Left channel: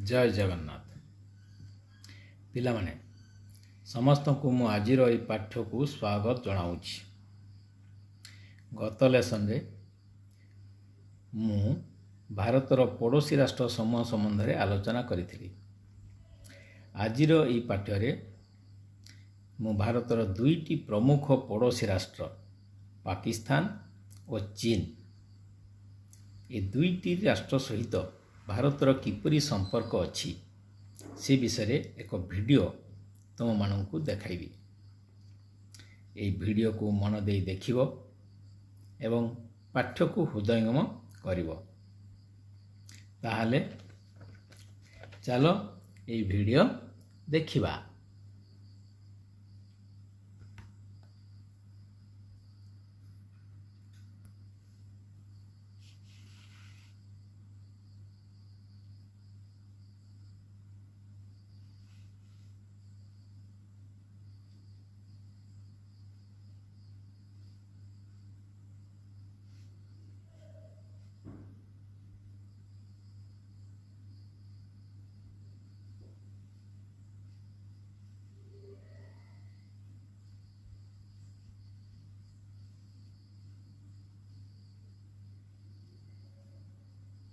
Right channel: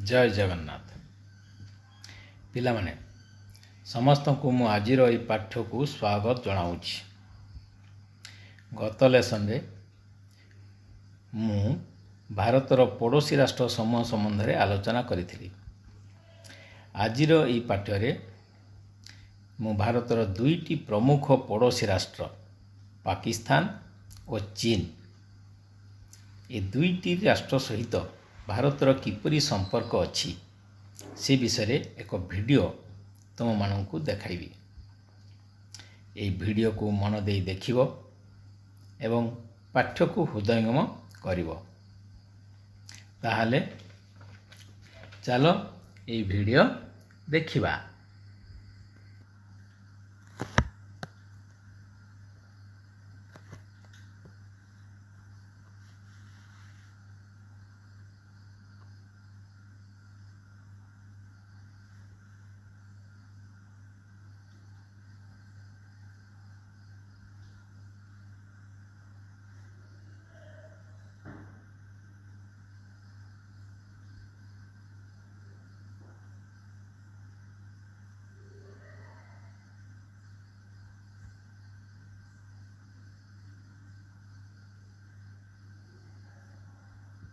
जय जगन्नाथ पिलामाने समस्त को मु आजिर ई पाठ को स्वागत जनाऊँगी। गत लेसन रे मु भारतर पड़ोसी राष्ट्र समूह संबंध में आलोचना करी। आजिर ई पाठ रे मु भारतर दुईटी प्रमुख पड़ोसी राष्ट्र पाकिस्तान और चीन ए दुईटी राष्ट्र सहित भारतर किपरि संपर्क अच्छी से विषय एक वीडियो तुम मानू देखाइबी। ये वीडियो को मन दे देखिबो एवं पाठ्य को हृदयंगम करिवो। ताहले चलो ये वीडियो देखिबा।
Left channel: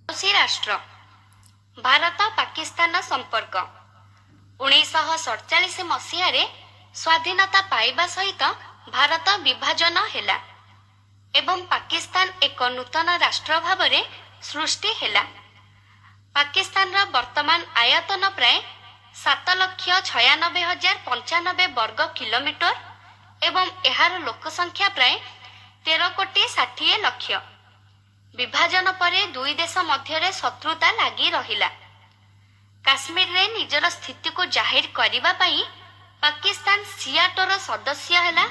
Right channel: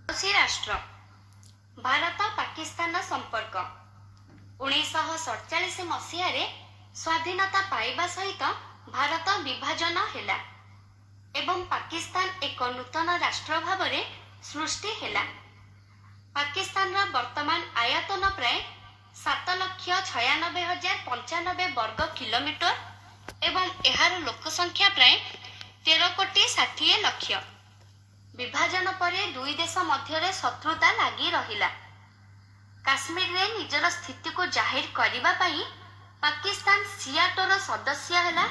पड़ोसी राष्ट्र भारत पाकिस्तान संपर्क 1947 मसीह स्वाधीनता पाइबा सहित भारत विभाजन हेला एवं पाकिस्तान एक नूतन राष्ट्र भाव में सृष्टि हेला। पाकिस्तान वर्तमान आयतन प्राय 7,96,095 वर्ग किलोमीटर एवं एहार लोक संख्या प्राय 13,60,00,000। विभाजन परे दुई देश मध्य शत्रुता लगी रहिला। काश्मीर रे निजर स्थिति को जाहिर करिबा पई पाकिस्तान सियाटोर सदस्य हैला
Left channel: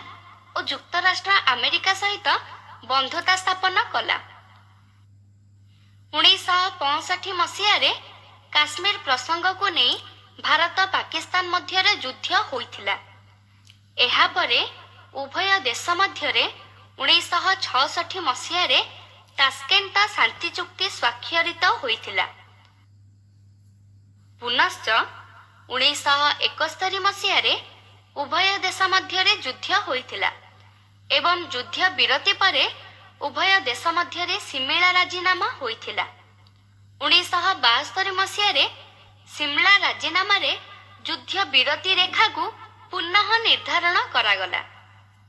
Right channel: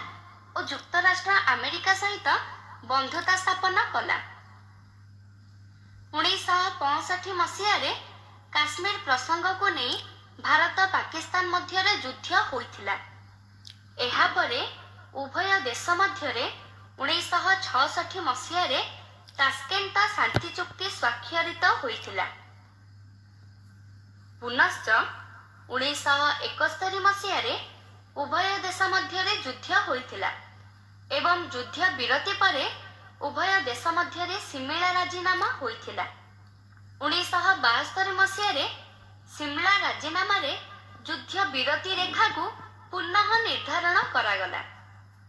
और युक्तराष्ट्र अमेरिका सहित बंधुता स्थापन कला। 1965 मसीह काश्मीर प्रसंग को नहीं भारत पाकिस्तान मध्य युद्ध होइथिला। एहा परे उभय देश मध्य 1966 मसीह तास्केंट शांति चुक्ति स्वाक्षरित होइथिला। पुनश्च 1971 मसीह उभय देश मध्य युद्ध होइथिला एवं युद्ध विरति परे उभय देश मध्य सिमला राजीनामा होइथिला। 1972 मसीह सिमला राजीनामा युद्ध विरति रेखा को पुनः निर्धारण करागला।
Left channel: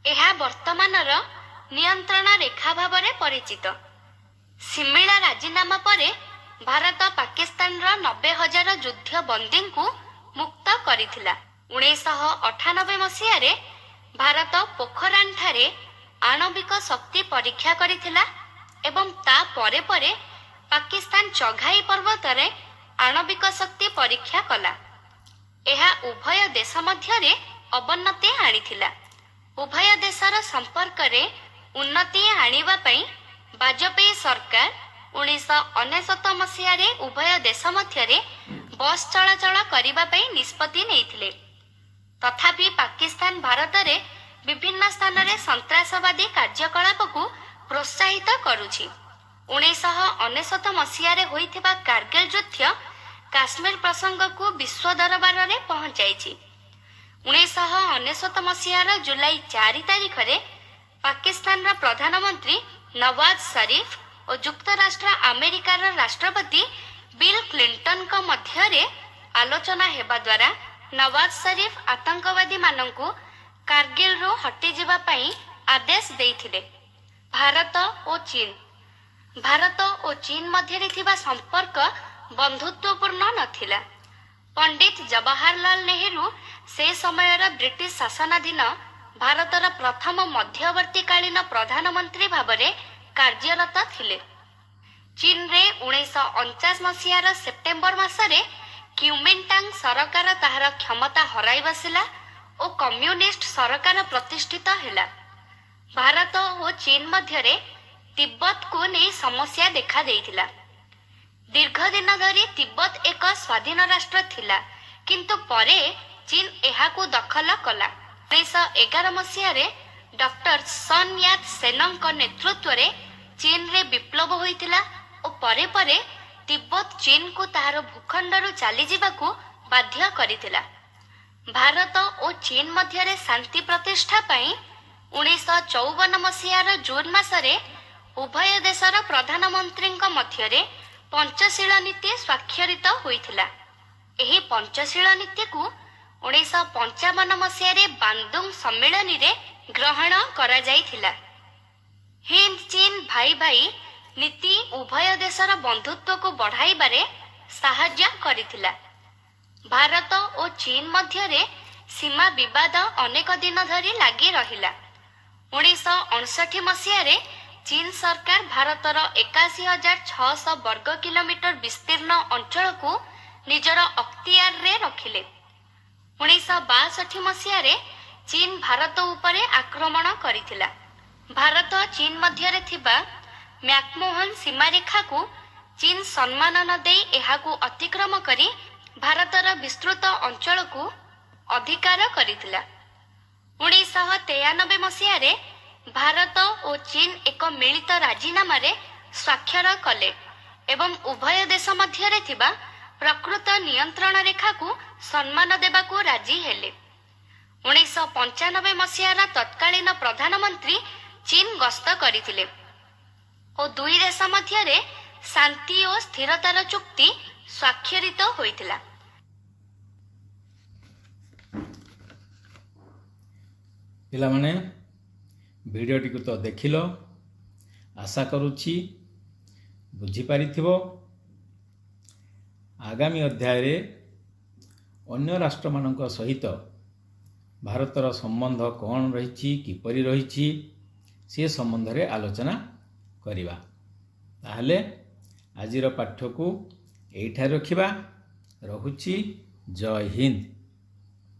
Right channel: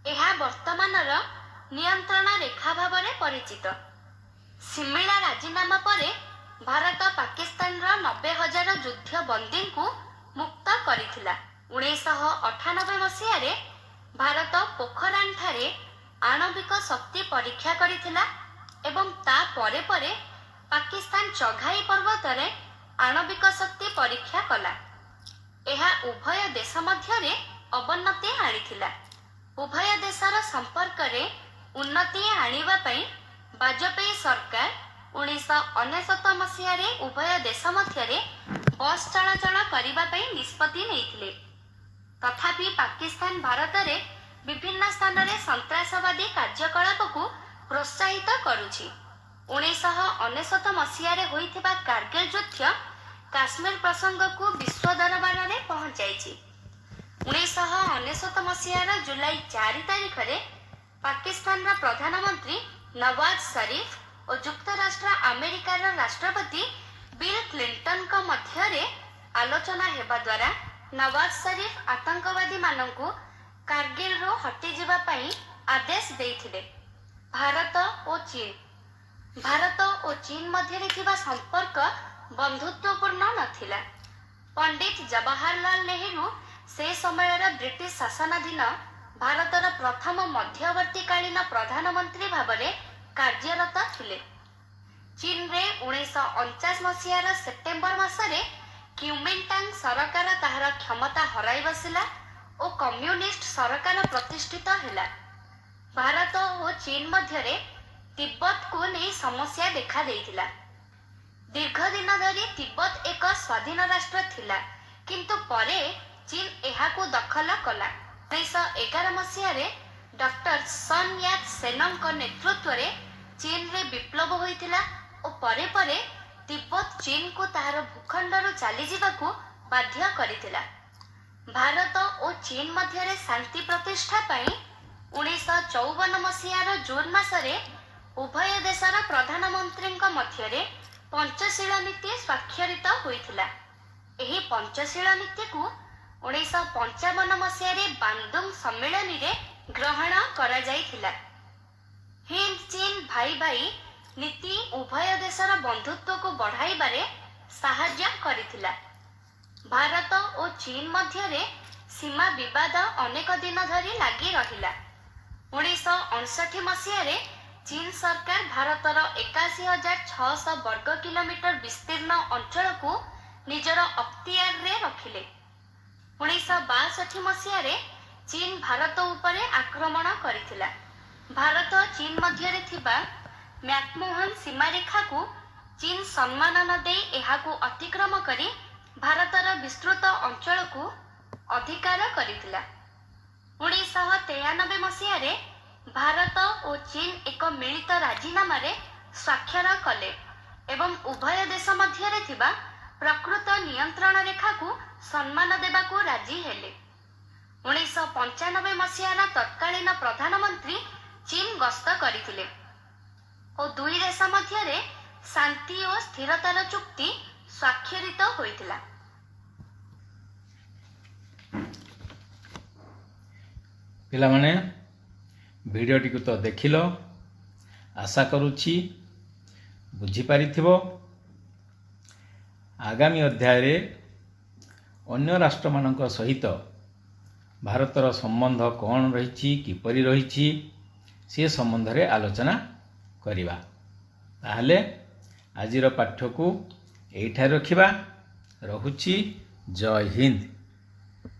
एहा वर्तमानर नियंत्रण रेखा भाव में परिचित। सिमला राजीनामा परे भारत पाकिस्तान 90,000 युद्ध बंदी को मुक्त करिथिला। 1998 मसीह भारत पोखरान ठारे आणविक शक्ति परीक्षा करिथिला एवं ता परे परे पाकिस्तान चघाई पर्वत रे आणविक शक्ति परीक्षा कला। एहा उभय देश मध्य अवनति आनिथिला। उभय देशर संपर्क रे उन्नति आनिबा पई वाजपेयी सरकार 1969 मसीह उभय देश मध्य बस चलाचल करने निष्पत्ति नहीं। तथापि पाकिस्तान भारत रे विभिन्न स्थान रे सन्त्रासवादी कार्यकलाप को प्रोत्साहित करुछि। 1969 मसीह होइथिबा कारगिल युद्ध काश्मीर प्रसंग को विश्व दरबार में पहुंचाई। 1969 मसीह जुलाई 4 तारिख रे पाकिस्तान प्रधानमंत्री नवाज शरीफ और युक्तराष्ट्र अमेरिकार राष्ट्रपति बिल क्लिंटन का मध्य आलोचना हेबा द्वारा नवाज शरीफ आतंकवादी माननकु कारगिल रो हटि जिबा पई आदेश देइथिले। भारत और चीन मध्य थिबा संपर्क बंधुत्वपूर्ण नथिला। पंडित जवाहरलाल नेहरू से समयर ब्रिटिश शासनाधीन भारतर प्रथम मध्यवर्तीकालीन प्रधानमंत्री भावरे कार्यरत थिले। चीन रे 1949 मसीहार सेप्टेम्बर मासरे क्युमिंटांग सरकार ताहार क्षमता हराई बसिला और कम्युनिस्ट सरकार प्रतिष्ठित हेला। भारत और चीन मध्य तिब्बत को नहीं समस्या देखा देइथिला। दीर्घ दिन धरी तिब्बत एक स्वाधीन राष्ट्र थिला, किंतु परे चीन एहाकु दखल कला। 1911 मसीह डॉक्टर सन यात सेनंग नेतृत्व रे चीन रे विप्लव होइतिला और परे परे ତିବ୍ବତ ଚୀନକୁ ତାହାର ଭୂଖଣ୍ଡରୁ ଚାଲିଯିବାକୁ ବାଧ୍ୟ କରିଥିଲା। ଭାରତ ଓ ଚୀନ ମଧ୍ୟରେ ଶାନ୍ତି ପ୍ରତିଷ୍ଠା ପାଇଁ 1954 ମସିହାର ଜୁନ ମାସରେ ଉଭୟ ଦେଶର ପ୍ରଧାନମନ୍ତ୍ରୀଙ୍କ ମଧ୍ୟରେ ପଞ୍ଚଶୀଳ ନୀତି ସ୍ୱାକ୍ଷରିତ ହୋଇଥିଲା। ଏହି ପଞ୍ଚଶୀଳ ନୀତିକୁ 1955 ମସିହାରେ ବାନ୍ଦୁଙ୍ଗ ସମ୍ମିଳନୀରେ ଗ୍ରହଣ କରାଯାଇଥିଲା। ହିନ୍ଦ ଚୀନ ଭାଇ ଭାଇ ନୀତି ଉଭୟ ଦେଶର ବନ୍ଧୁତ୍ୱକୁ ବଢ଼ାଇବାରେ ସାହାଯ୍ୟ କରିଥିଲା। ଭାରତ ଓ ଚୀନ ମଧ୍ୟରେ ସୀମା ବିବାଦ ଅନେକ ଦିନ ଧରି ଲାଗି ରହିଲା। 1959 ମସିହାରେ ଚୀନ ସରକାର ଭାରତର 81,600 ବର୍ଗ କିଲୋମିଟର ବିସ୍ତୀର୍ଣ୍ଣ ଅଞ୍ଚଳକୁ ନିଜର ଅକ୍ତିଆରରେ ରଖିଲେ। 1962 ମସିହାରେ ଚୀନ ଭାରତ ଉପରେ ଆକ୍ରମଣ କରିଥିଲା। ଭାରତ ଚୀନ ମଧ୍ୟରେ ଥିବା ମ୍ୟାକମୋହନ ସୀମାରେଖାକୁ ଚୀନ ସମ୍ମାନ ନ ଦେଇ ଏହାକୁ ଅତିକ୍ରମ କରି ଭାରତର ବିସ୍ତୃତ ଅଞ୍ଚଳକୁ ଅଧିକାର କରିଥିଲା। 1993 ମସିହାରେ ଭାରତ ଓ ଚୀନ ଏକ ମିଳିତ ରାଜିନାମାରେ ସ୍ୱାକ୍ଷର କଲେ ଏବଂ ଉଭୟ ଦେଶ ମଧ୍ୟରେ ଥିବା ପ୍ରକୃତ ନିୟନ୍ତ୍ରଣ ରେଖାକୁ ସମ୍ମାନ ଦେବାକୁ ରାଜି ହେଲେ। 1995 ମସିହାର ତତ୍କାଳୀନ ପ୍ରଧାନମନ୍ତ୍ରୀ ଚୀନ ଗସ୍ତ କରିଥିଲେ ଓ ଦୁଇ ଦେଶ ମଧ୍ୟରେ ଶାନ୍ତି ଓ ସ୍ଥିରତାର ଚୁକ୍ତି ସ୍ୱାକ୍ଷରିତ ହୋଇଥିଲା। ପିଲାମାନେ ଭିଡ଼ିଓଟିକୁ ତ ଦେଖିଲ, ଆଶା କରୁଛି ବୁଝିପାରିଥିବ। ଆଗାମୀ ଅଧ୍ୟାୟରେ ଅନ୍ୟ ରାଷ୍ଟ୍ରମାନଙ୍କ ସହିତ ଭାରତର ସମ୍ବନ୍ଧ କ'ଣ ରହିଛି, କିପରି ରହିଛି, ସେ ସମ୍ବନ୍ଧରେ ଆଲୋଚନା କରିବା। ତାହେଲେ ଆଜିର ପାଠ୍ୟକୁ ଏଇଠାରେ ରଖିବା। ରହୁଛି। ଜୟ ହିନ୍ଦ।